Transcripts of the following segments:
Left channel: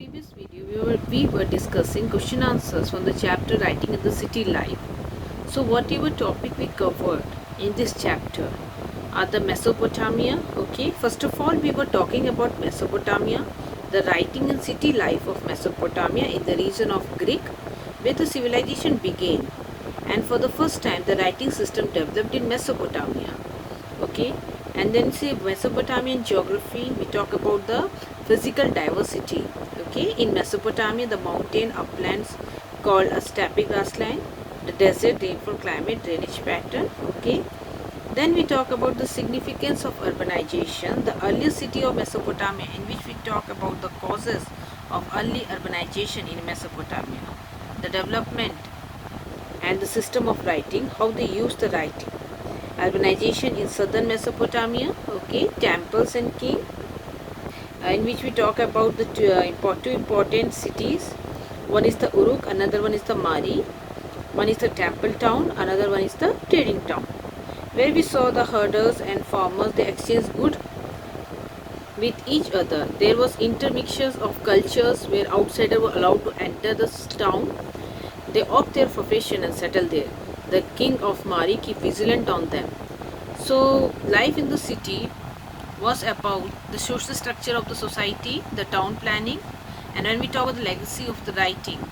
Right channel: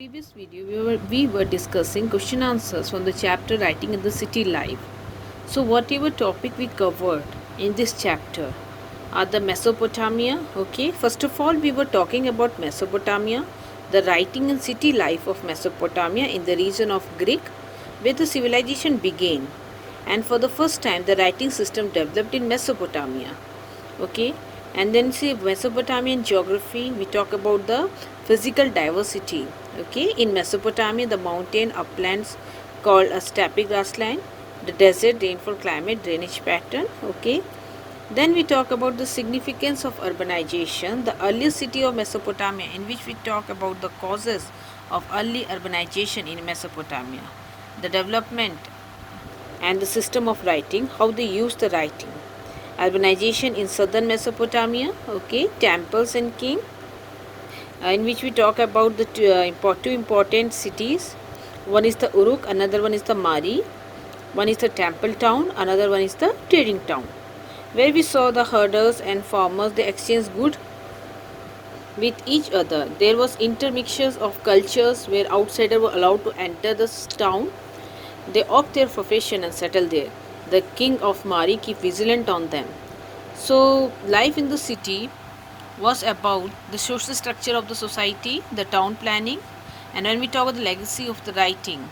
Previous video we were discussing question answers from the chapter writing in the city life. So whatever topic we covered in this chapter are the Mesopotamia. Okay, first of all we were talking about Mesopotamia, the writing and city life of Mesopotamia in the region of Greek where the civilization began, and for the first time the writing system developed in Mesopotamia. Okay, and then see Mesopotamian geography, we talk about the physical diversity. Okay, in Mesopotamia the mountain uplands called a steppe grassland, the desert rainfall climate drainage pattern. Okay, then we talk about the significance of urbanization, the earliest city of Mesopotamia, in which we talk about the causes of early urbanization in Mesopotamia, the development and the system of writing, how they use the writing, urbanization in southern Mesopotamia. Okay, temples and king, in which we talk about the two important cities. One is the Uruk, another one is the Mari. One is the temple town, another one is the trading town, where we saw the herders and farmers, they exchanged goods with each other. There was intermixtures of cultures where outsiders were allowed to enter the town. They opt their profession and settle there. The king of Mari keep vigilant on them. So life in the city was about the social structure of the society, the town planning, and when we talk about the legacy of the writing,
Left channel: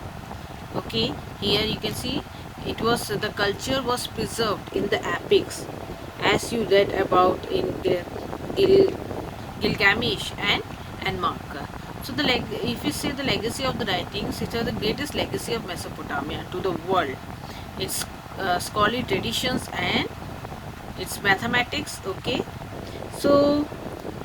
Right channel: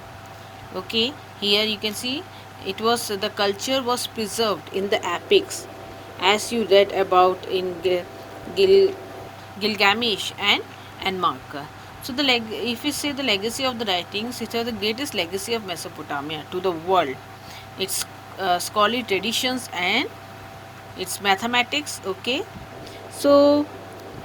okay, here you can see it was the culture was preserved in the epics, as you read about in Gil, Gilgamesh and Marker. So if we say the legacy of the writings, it is the greatest legacy of Mesopotamia to the world. Its scholarly traditions and its mathematics. Okay, so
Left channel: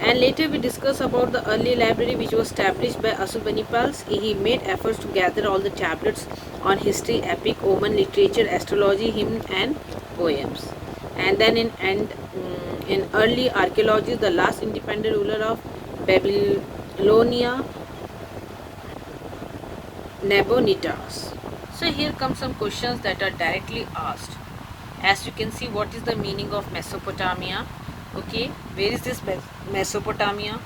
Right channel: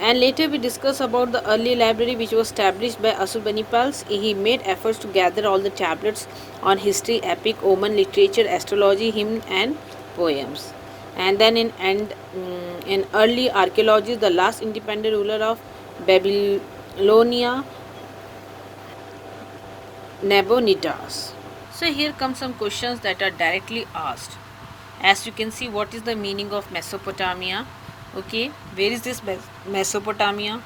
and later we discuss about the early library which was established by Assurbanipal. He made efforts to gather all the tablets on history, epic, Oman literature, astrology, hymn and poems. And then in early archaeology, the last independent ruler of Babylonia, Nabonidus. So here come some questions that are directly asked. As you can see, what is the meaning of Mesopotamia? Okay, where is this Mesopotamia?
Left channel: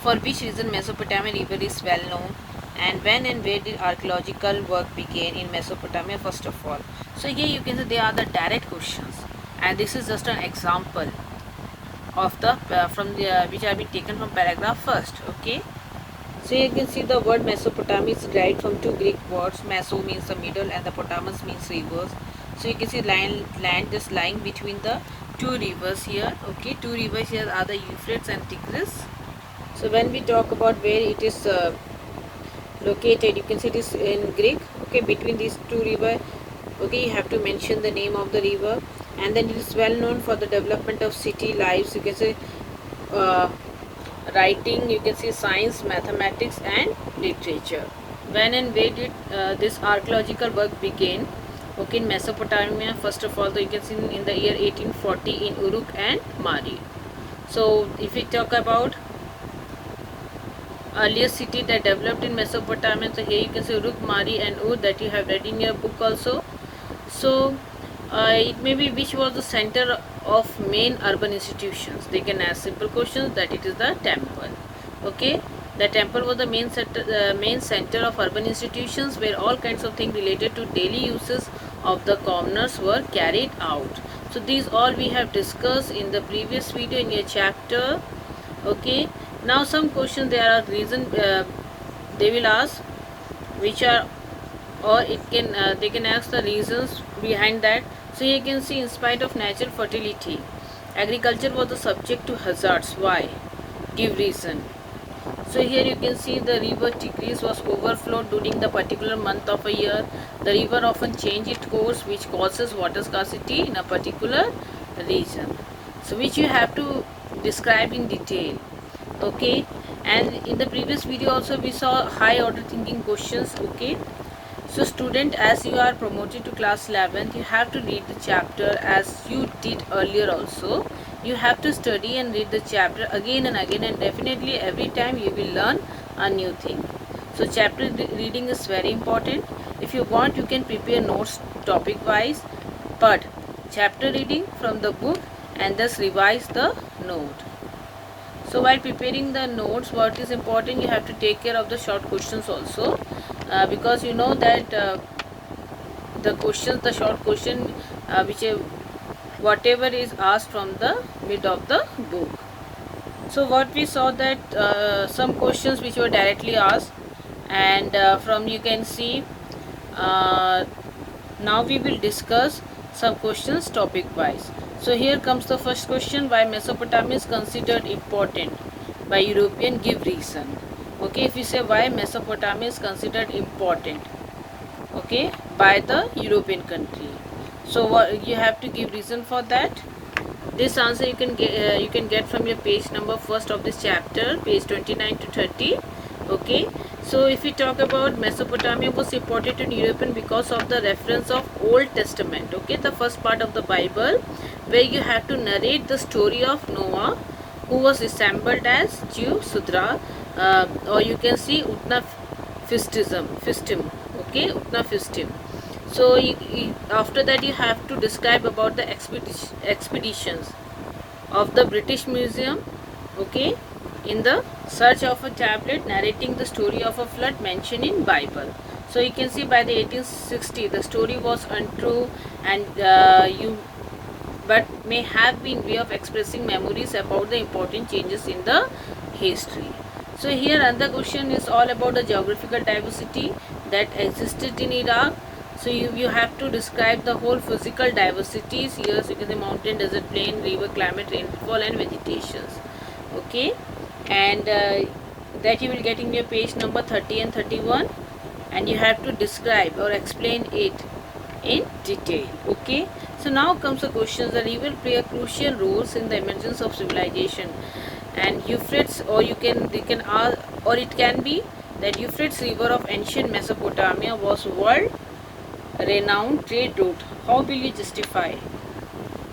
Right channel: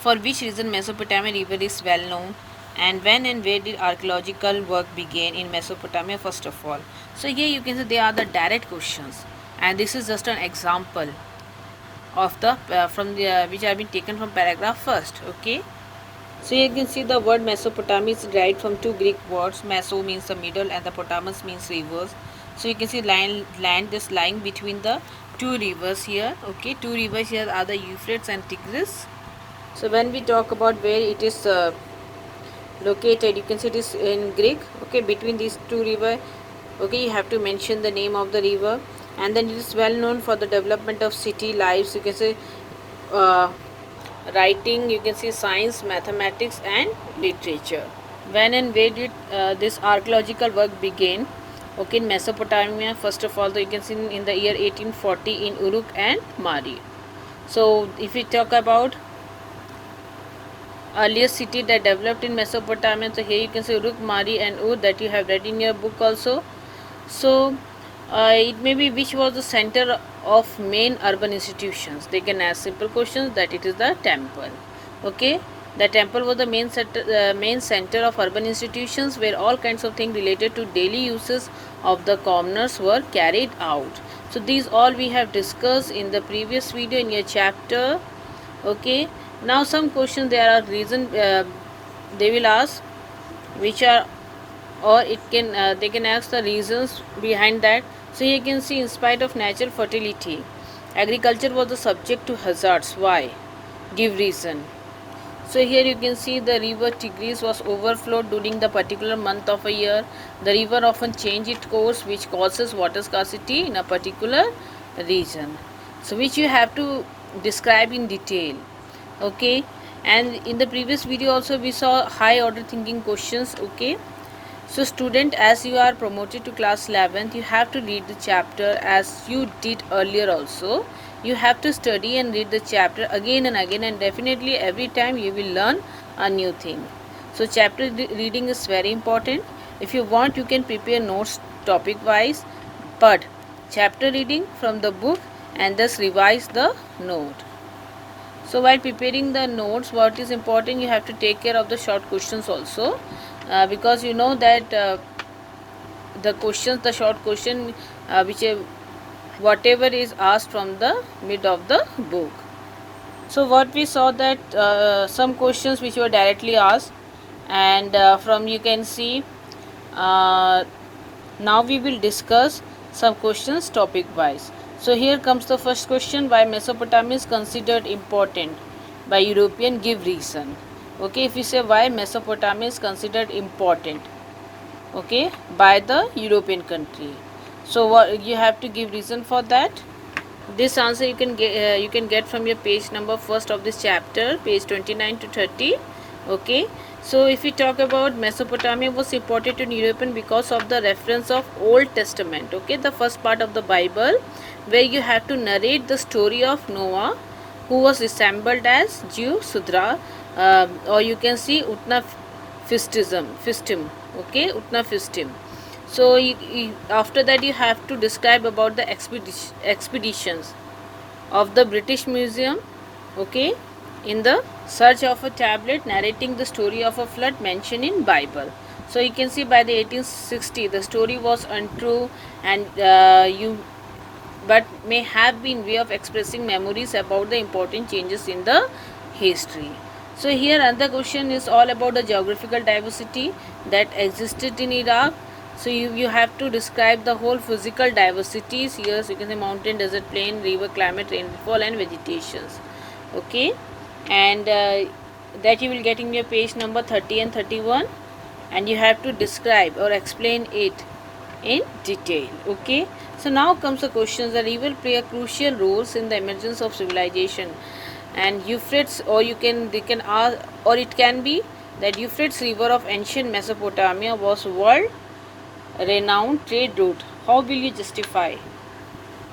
For which reason Mesopotamian river is well known? And when and where did archaeological work begin in Mesopotamia first of all? So here you can see they are the direct questions, and this is just an example of the from the which have been taken from paragraph first. Okay, so you can see the word Mesopotamia is derived from two Greek words. Meso means the middle and the potamus means rivers. So you can see land just lying between the two rivers here. Okay, two rivers here are the Euphrates and Tigris. So when we talk about where it is located, you can see it is in Greek. Okay, between these two rivers. Okay, you have to mention the name of the river, and then it is well known for the development of city lives. You can say uh, writing, you can see science, mathematics and literature. When and where did this archaeological work begin? Okay, in Mesopotamia, first of all, you can see in the year 1840 in Uruk and Mari. So if we talk about earliest city that developed in Mesopotamia, so here you can see Uruk, Mari and Ur that you have read in your book also. So it may be which was the center of main urban institutions. They can ask simple questions that it is the temple. Okay, the temple was the main center of urban institutions where all kinds of things related to daily uses of the commoners were carried out. So these all we have discussed in the previous video in your chapter. Okay, now some questions there are reason they will ask which are, or it can they can ask the reasons behind that. So you can see in spite of natural fertility, agriculture was the subject to hazards. Why? Give reason. So here you can see the river Tigris was overflowed during the particular month of a year. The river often changes its course, which causes water scarcity in a particular region. So which you have to describe in detail. Okay, and in the previous video also we saw high order thinking questions. Okay, so student, as you are promoted to class 11th, you have to read the chapter as you did earlier also. You have to study and read the chapter again and again, and definitely every time you will learn a new thing. So chapter reading is very important. If you want, you can prepare notes topic wise, but chapter reading from the book and thus revise the note. So while preparing the notes, what is important, you have to take care of the short questions also, because you know that the questions, the short question, which whatever is asked from the mid of the book. So what we saw that some questions which were directly asked, and from you can see, uh, now we will discuss some questions topic wise. So here comes the first question: why Mesopotamia is considered important by European? Give reason. Okay, if you say why Mesopotamia is considered important, okay, by the European country, so what you have to give reason for that. This answer you can get from your page number first of this chapter, page 29 to 30. Okay, so if we talk about Mesopotamia was important to European because of the reference of Old Testament, okay, the first part of the Bible, where you have to narrate the story of Noah, who was resembled as Jew Sudra, or you can see Utna Fistim, okay, Utna Fistim. So after that you have to describe about the expeditions of the British Museum, okay, in the search of a tablet narrating the story of a flood mentioned in Bible. So you can see by the 1860 the story was untrue, and but may have been way of expressing memories about the important changes in the history. So here another question is all about the geographical diversity that existed in Iraq. So you have to describe the whole physical diversities here. So you can say mountain, desert, plain, river, climate, rainfall and vegetations. Okay, and that you will get in your page number 30 and 31, and you have to describe or explain it in detail. Okay, so now comes the questions. The river play a crucial roles in the emergence of civilization, and Euphrates, or you can ask, or it can be that Euphrates river of ancient Mesopotamia was world renowned trade route. How will you justify?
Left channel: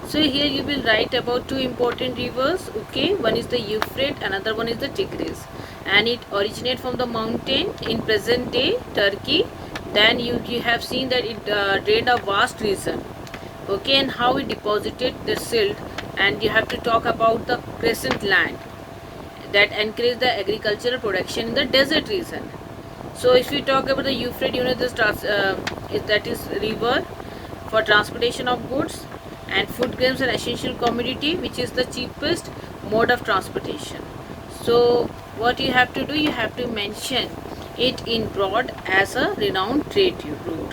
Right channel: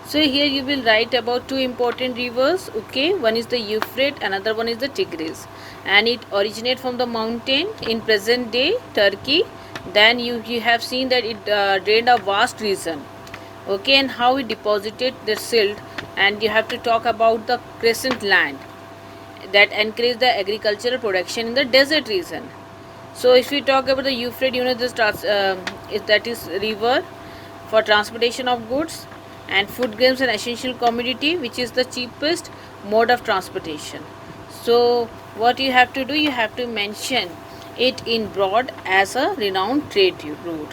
So here you will write about two important rivers. Okay, one is the Euphrates, another one is the Tigris, and it originates from the mountain in present day Turkey. Then you have seen that it drained a vast region. Okay, and how it deposited the silt, and you have to talk about the crescent land that encouraged the agricultural production in the desert region. So if we talk about the Euphrates, you know this that is river for transportation of goods and food grains and essential commodity, which is the cheapest mode of transportation. So what you have to do, you have to mention it in broad as a renowned trade route.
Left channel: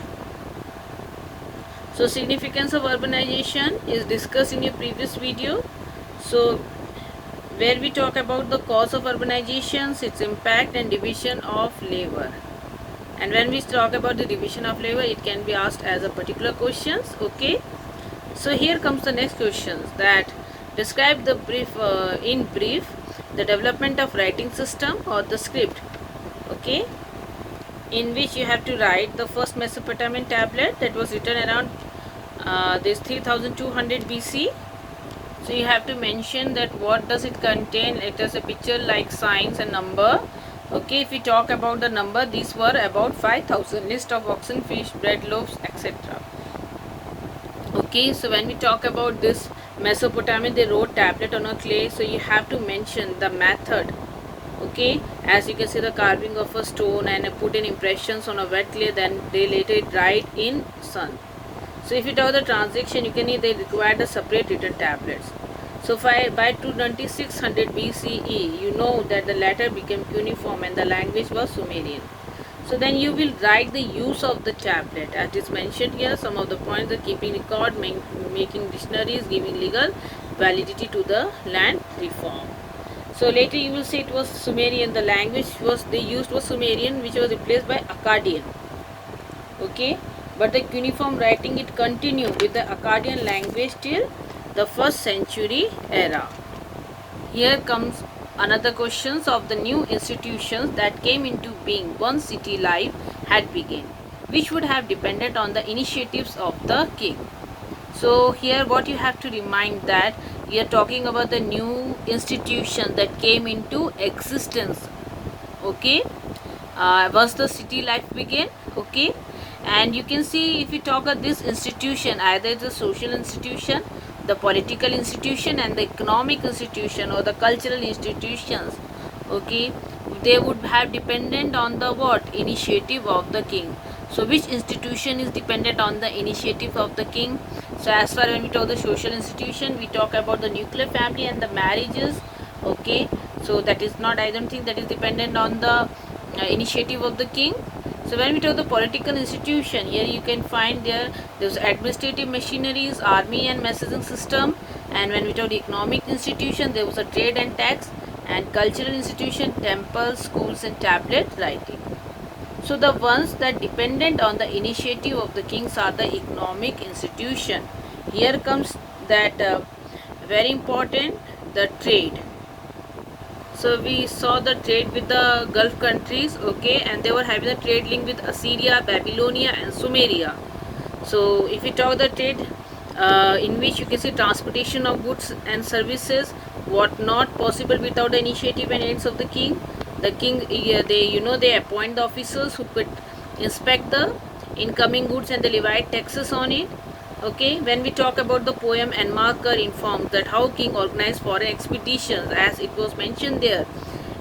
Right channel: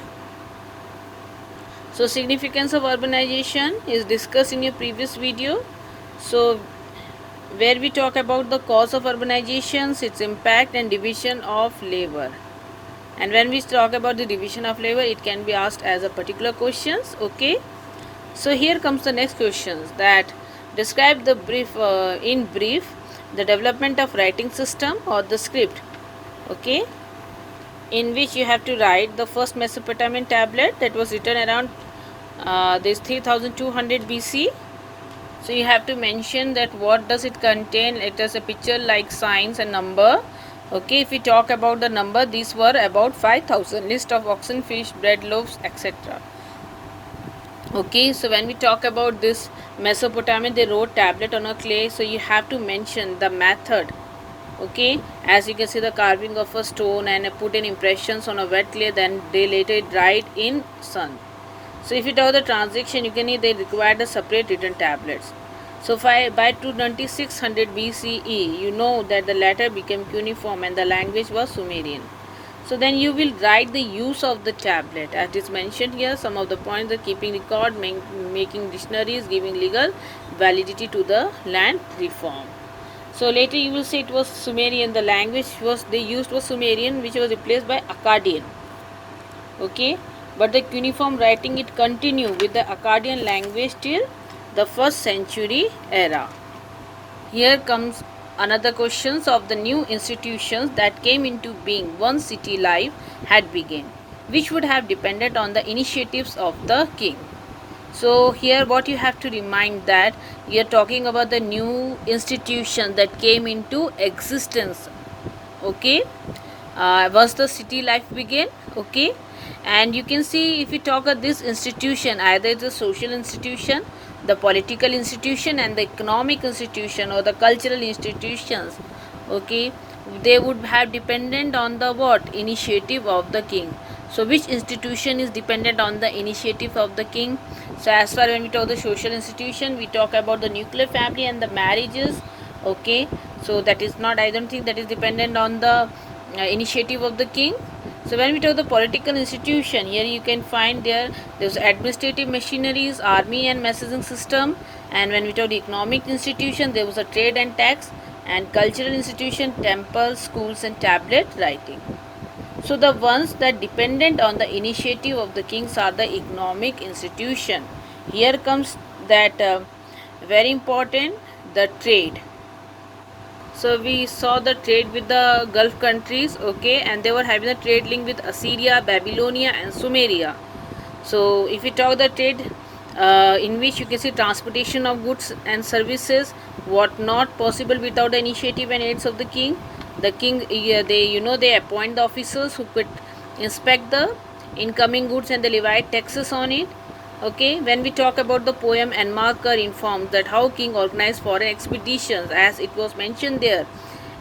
So significance of urbanization is discussed in your previous video. So where we talk about the cause of urbanizations, its impact and division of labor. And when we talk about the division of labor, it can be asked as a particular questions. Okay, so here comes the next questions that describe the in brief the development of writing system or the script. Okay, in which you have to write the first Mesopotamian tablet that was written around this 3200 BC. So you have to mention that what does it contain. It has a picture like signs and number. Okay, if we talk about the number, these were about 5000, list of oxen, fish, bread, loaves, etc. Okay, so when we talk about this Mesopotamia, they wrote tablet on a clay, so you have to mention the method. Okay, as you can see the carving of a stone and put in impressions on a wet clay, then they later dried in sun. So if you talk the transaction, you can see they required a separate written tablets. So by 2600 BCE, you know that the letter became cuneiform and the language was Sumerian. So then you will write the use of the tablet. As is mentioned here, some of the points are keeping record, making dictionaries, giving legal validity to the land reform. So later you will say it was Sumerian. The language they used was Sumerian, which was replaced by Akkadian. Okay, but the cuneiform writing it continued with the Akkadian language till the 1st century era. Here comes another questions of the new institutions that came into being once city life had begun, which would have depended on the initiatives of the king. So here what you have to remind that we are talking about the new institution that came into existence. Okay, once the city life began. Okay, and you can see if you talk of this institution, either it's a social institution the political institution and the economic institution or the cultural institutions, okay, they would have dependent on the what? Initiative of the king. So which institution is dependent on the initiative of the king? So as far when we talk the social institution, we talk about the nuclear family and the marriages, okay. So that is not, I don't think that is dependent on the initiative of the king. So when we talk the political institution, here you can find there's administrative machineries, army and messaging system. And when we talk the economic institution, there was a trade and tax. And cultural institution, temples, schools and tablet writing. So the ones that dependent on the initiative of the kings are the economic institution. Here comes that very important, the trade. So we saw the trade with the Gulf countries, okay, and they were having a trade link with Assyria, Babylonia and Sumeria. So if we talk the trade in which you can see transportation of goods and services, what not possible without the initiative and aids of the king. The king, they appoint the officers who could inspect the incoming goods and they levy taxes on it. Okay, when we talk about the poem, Enmarker informs that how king organized foreign expeditions, as it was mentioned there,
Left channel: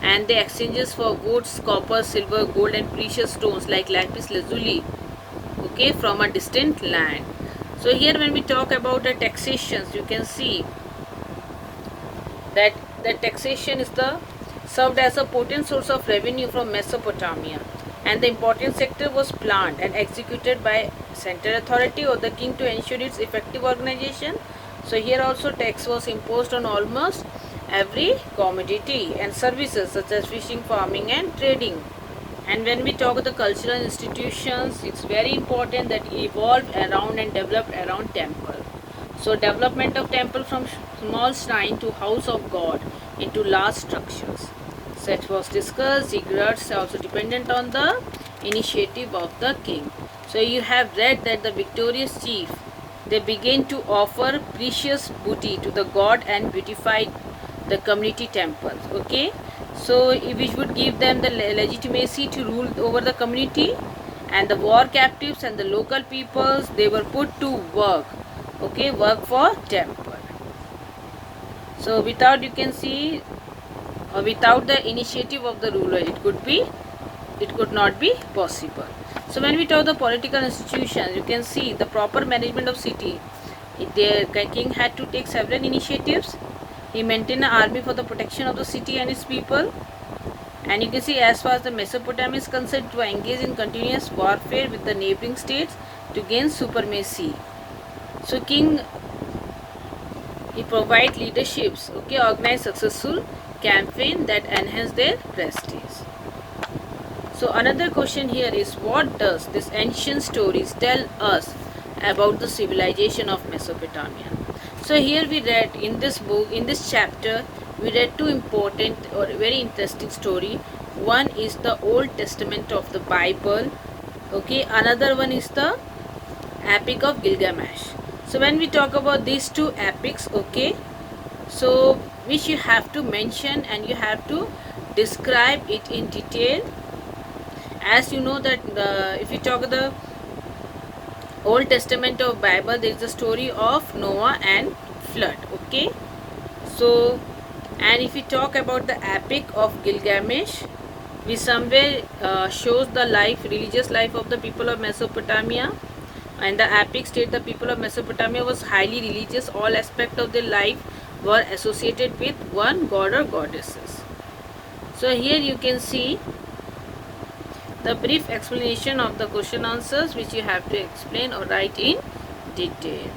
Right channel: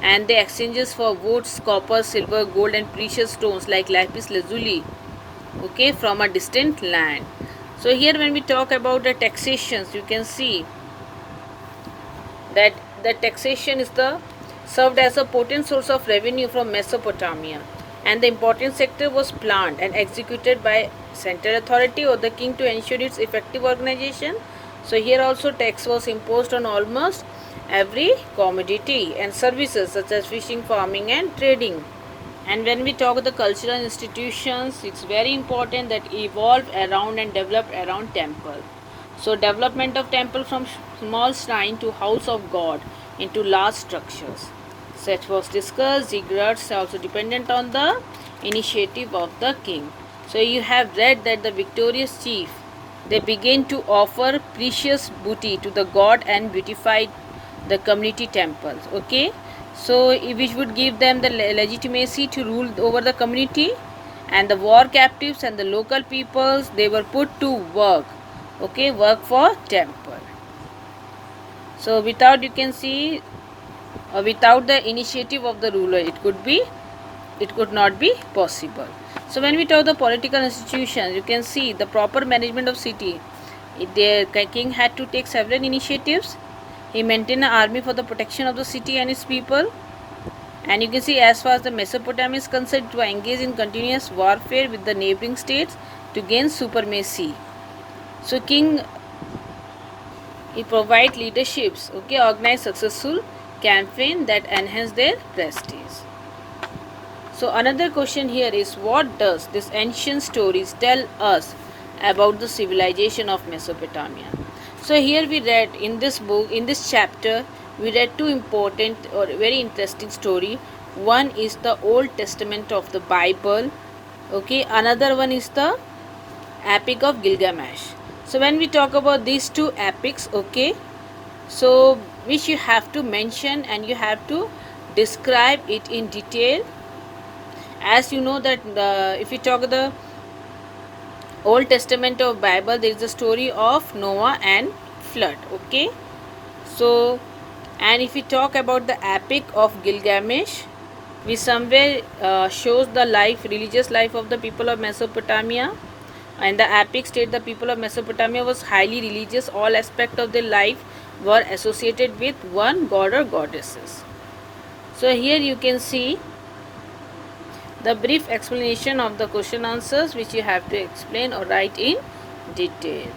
and the exchanges for woods, copper, silver, gold and precious stones like lapis lazuli, okay, from a distant land. So here when we talk about the taxations, you can see that the taxation is served as a potent source of revenue from Mesopotamia, and the important sector was planned and executed by central authority or the king to ensure its effective organization. So here also tax was imposed on almost every commodity and services such as fishing, farming and trading. And when we talk about the cultural institutions, it's very important that evolved around and developed around temple. So development of temple from small shrine to house of God into large structures. Such was discussed. Ziggurats are also dependent on the initiative of the king. So you have read that the victorious chief, they begin to offer precious booty to the god and beautify the community temples. Okay, so which would give them the legitimacy to rule over the community, and the war captives and the local peoples, they were put to work. Okay, work for temple. So without, you can see, or without the initiative of the ruler, it could not be possible. So when we talk the political institutions, you can see the proper management of city. The king had to take several initiatives. He maintained an army for the protection of the city and its people. And you can see as far as the Mesopotamia is concerned, to engage in continuous warfare with the neighboring states to gain supremacy. So king, he provide leaderships, okay, organize successful campaign that enhance their prestige. So another question here is, what does this ancient stories tell us about the civilization of Mesopotamia? So here we read in this book, in this chapter, we read two important or very interesting story. One is the Old Testament of the Bible, okay, another one is the Epic of Gilgamesh. So when we talk about these two epics, okay, so which you have to mention and you have to describe it in detail. As you know that if you talk the Old Testament of Bible, there is a story of Noah and flood, okay. So and if we talk about the Epic of Gilgamesh, we somewhere shows the religious life of the people of Mesopotamia. And the epic state the people of Mesopotamia was highly religious. All aspects of their life were associated with one god or goddesses. So here you can see the brief explanation of the question answers which you have to explain or write in detail.